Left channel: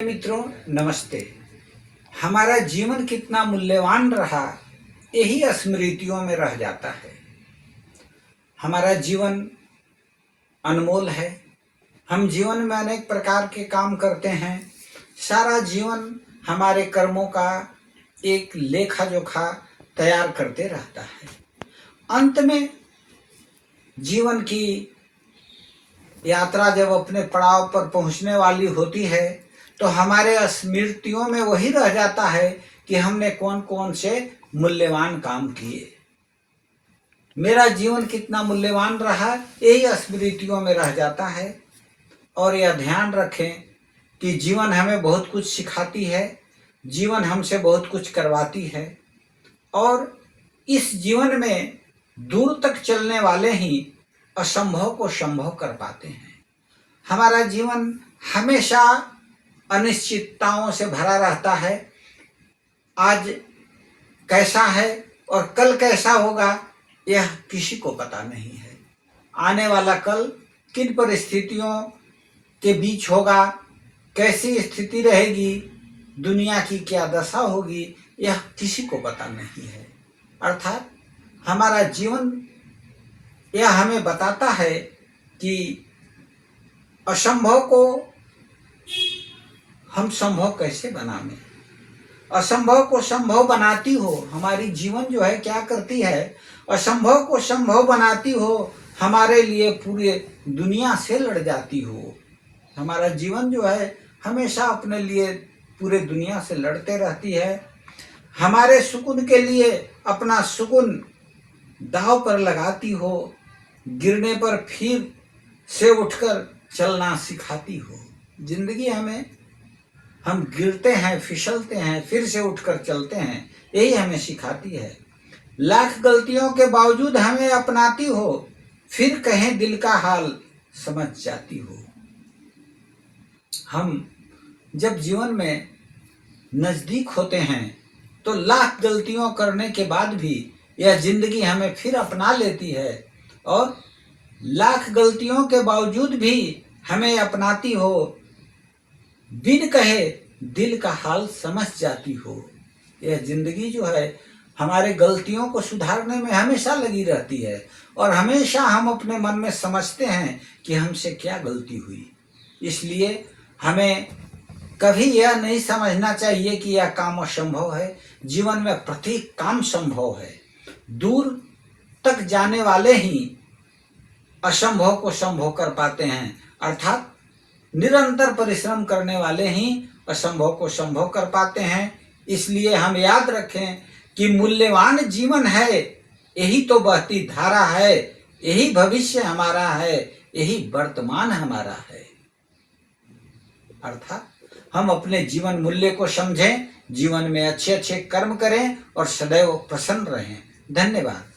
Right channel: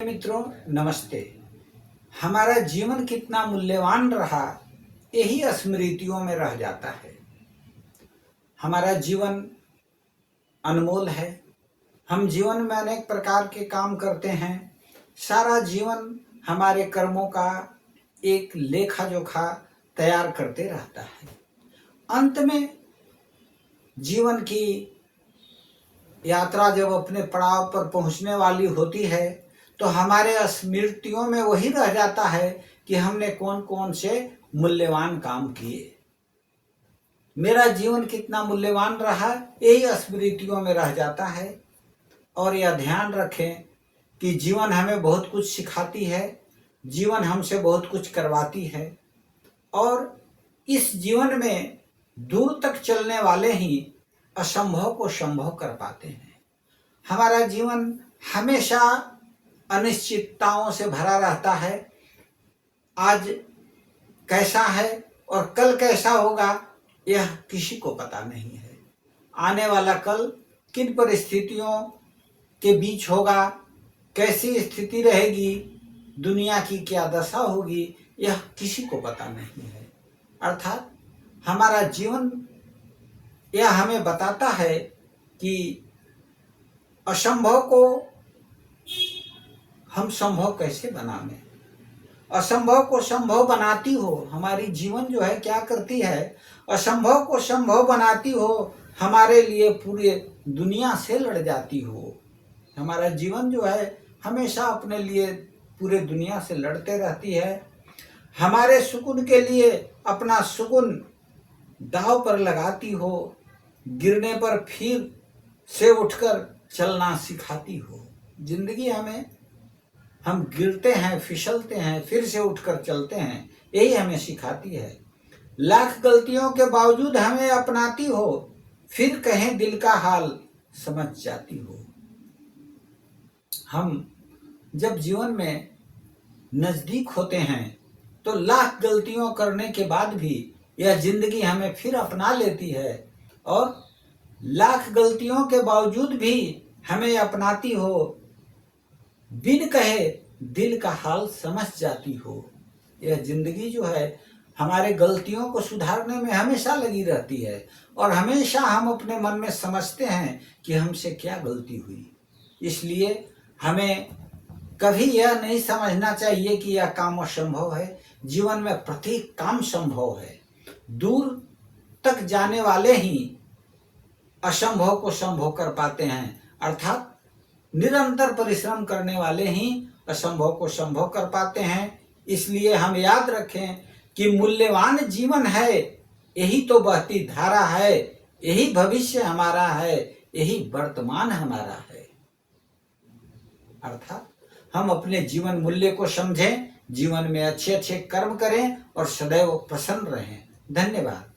मित्रों नमस्ते। हमारा जीवन कितना मूल्यवान रहा यही स्मृतियों में रह जाता है। हमारा जीवन अनमोल है। हम जीवन में अनेक प्रकार के काम करते हैं। सारा जीवन हमारे कर्मों का एक लेखा जोखा तैयार करते रहता है। अंत में जीवन की यात्रा जब अपने पड़ाव पर पहुंचने वाली होती है तो हमारे स्मृतियों में वही रह जाता है कि हमने कौन कौन से मूल्यवान काम किए। मेरा जीवन कितना मूल्यवान रहा यही स्मृतियों में रह जाता है। और यह ध्यान रखें कि जीवन हमें बहुत कुछ सिखाती है, जीवन हमसे बहुत कुछ करवाती है और इस जीवन में दूर तक चलने वाले ही असंभव को संभव कर पाते हैं। हमारा जीवन हमेशा अनिश्चितताओं से भरा रहता है। आज कैसा है और कल कैसा होगा यह किसी को पता नहीं है। आने वाला कल किन परिस्थितियों के बीच होगा, कैसी स्थिति रहेगी, दुनिया की क्या दशा होगी, यह किसी को पता नहीं है। अर्थात हमारा जीवन यह हमें बताता है कि असंभव को हम संभव कैसे बनाएं। असंभव को संभव बनाती हो हमारी जीवन जो है क्या करती है, असंभव को संभव बनाती हो, हमारे लिए पूरे दुनिया से लड़ जाती हो। हमारा जीवन जो है हमेशा अपने लिए पूरे दुनिया से लड़ते रहती है। हमारे सुकून के लिए अपना सुकून दांव पर लगाती हो, गिरने पर फिर से उठकर चलना सिखाती हो। जिंदगी हम गिरते हैं, फिसलते हैं, फिर से उठकर चलते हैं, यही हमें सिखाती है। लाख गलतियों के बावजूद हमें अपनाती हो, फिर कहें दिल का हाल समझ जाती हो। हम जब जीवन में नजदीक होते हैं तो लाख गलतियों करने के बाद भी यह जिंदगी हमें फिर अपना लेती है और लाख गलतियों के बावजूद भी हमें अपनाती हो, बिन कहे दिल का हाल समझ जाती हो। यह जिंदगी जो है हमारे गलतियों को सुधारने में हमेशा लगी रहती है और हमेशा हम अपने मन में समझते हैं कि हमसे क्या गलती हुई। इसलिए हमें कभी यह नहीं समझना चाहिए कि यह काम असंभव है। जीवन में प्रत्येक काम संभव है। दूर तक जाने वाले ही असंभव को संभव कर पाते हैं। अर्थात निरंतर परिश्रम करने वाले ही असंभव को संभव कर पाते हैं। इसलिए हम याद रखें कि मूल्यवान जीवन है, यही तो बहती धारा है, यही भविष्य हमारा है, यही वर्तमान हमारा है। अर्थात हम अपने जीवन मूल्य को समझें, जीवन में अच्छे अच्छे कर्म करें और सदैव प्रसन्न रहें। धन्यवाद।